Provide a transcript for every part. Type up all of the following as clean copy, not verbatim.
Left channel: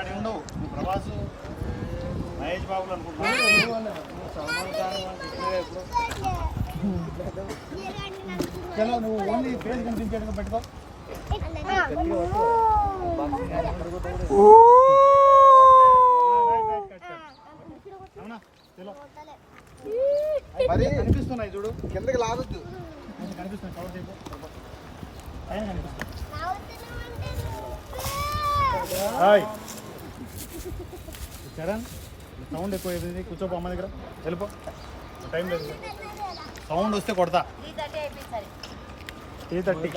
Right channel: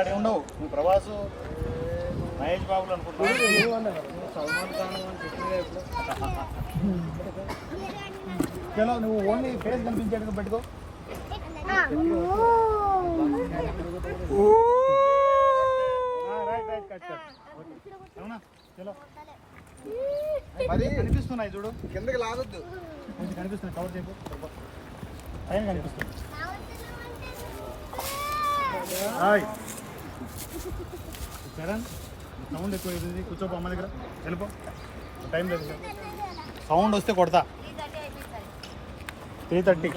అట్లాంటి ఉండవు. ప్రభాసు మహేష్ బాబులు అనుకుంటున్నాను. సల్మాన్ ఖాన్ చెప్పినగా ఇప్పుడు. చలో నువ్వు ఓన్లీ ఫేస్ కనిపించేట్టుగా పెట్టుకో. అవునా చలో కనిపిస్తున్నాయి చూడు. కిందకి లాగొద్దు. కనిపిస్తున్నాయి. కవర్ చేయకు. పైన కనిపిస్తుంది. సౌండ్ ఎక్కువ అయిపోయింది. కూర్చోపో అమ్మ దగ్గర. వెళ్ళిపో. టైం లేదు సార్. సౌండ్ వస్తే కొడతా. 3:30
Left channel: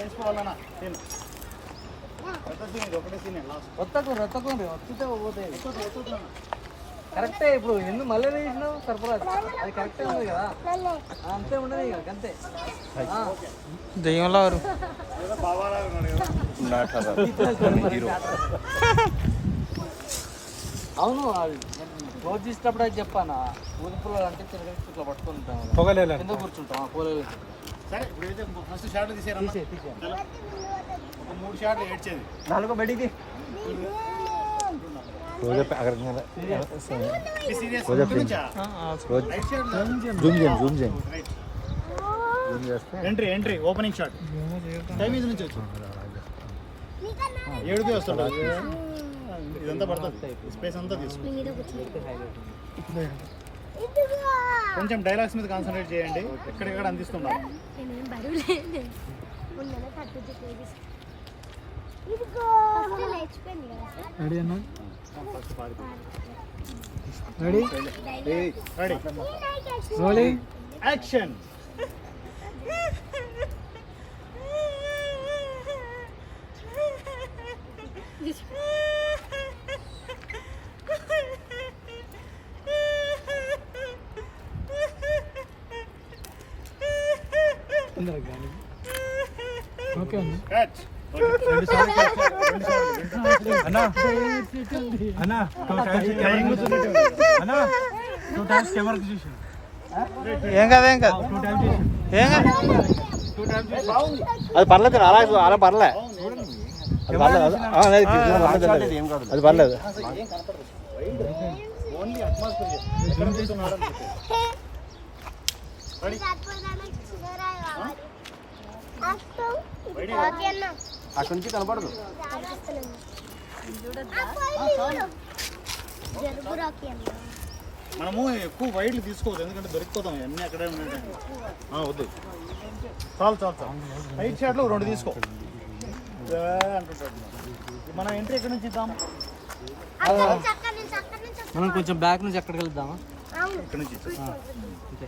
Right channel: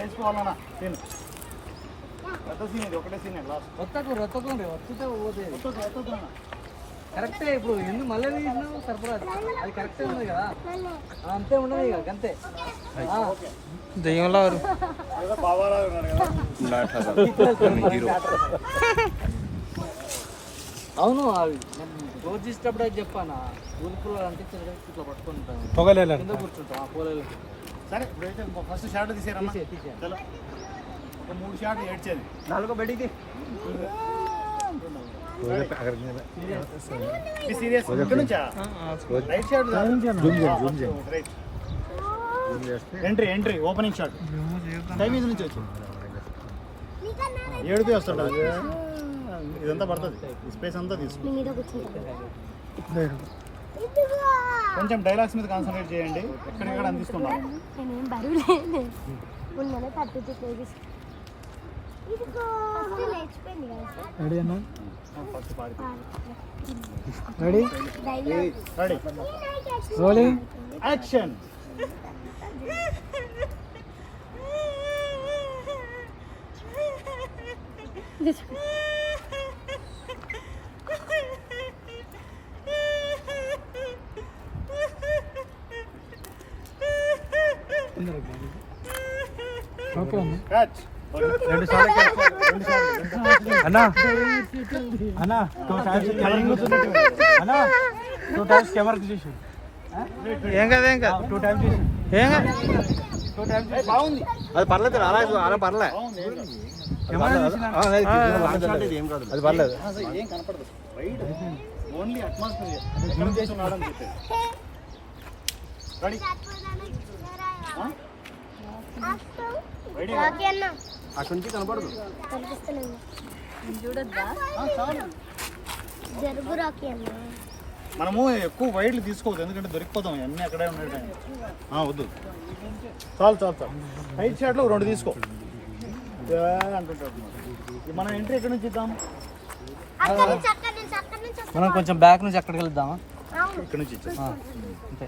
వేసుకోవాలన్నా. సీన్ పెద్ద సీన్ ఇది. ఒకటే సీన్ లాస్ట్. ఒత్తుతే పోతాయి. కరెక్టే. ఇప్పుడు ఎందుకు మళ్ళీ వేసినావు సర్ప్రైజ్? అది కరెక్టే ఉంది కదా, అంతే ఉండదు ఇక అంతే. దెయ్యంలో ఏదో బాబాలాగా ఉన్నాడు కదా హీరో. అవును, అది రోజు ఇష్టప్పుడు అది చెప్పాను. ఊదుపులు అంటే ఇట్లా పట్టుకుంటాం, కింద కూర్చుంటాం. కూరలు సరే ఇప్పుడైతే ఫస్ట్ షార్ట్ తీసేరమ్మా. చలో ఒక 3 షాట్లు ఏడ్చేది. 4 బెడికి సీరియస్ ఇక్కడ నుంచా right side right. Entry opening shot. Time ఇది నుంచి వచ్చి 7కి వస్తుంటుంది. ఇదంతా పడుతుంది. స్పేస్ అంతా తీసుకుంటుంది. కొంచెం డైలాగ్స్ మీద కాన్సన్ట్రేట్ చేయండి. ఎక్కడెక్కడ అందిస్తున్నాం. రెడీ అన్నా? Ready rolling action. ఓకే అన్న. క్యాచ్. అన్నా అన్నా 2 టైమ్స్ కెమెరాకి చూసి ఏం కాదు 2 టైమ్స్ చూసి ఏం కాదు. 2 టైమ్స్ అది పర్లేదు. అలా పర్లే. కెమెరా అది పర్లేదు. ఓన్లీ అట్మాస్ఫియర్ జూమ్ చేస్తున్నాడు. అక్కడి నుంచి కనపడదు. మనము ఎక్కువ వైడ్లు తీసుకోవద్దు, ఎందుకంటే దొరికిపోతాం. అన్నీ అక్కడే ఉండేటానికి వద్దు. చాలు. రైట్ సైడ్లో 2 తీసుకో అంటుంటాడు. మనం ఎంట్రీ ఎక్కడి నుంచి ఇద్దాం? మనం కొంచెం బ్యాక్ నుంచి అక్కడికి వెళ్దామా? ఇక్కడి నుంచి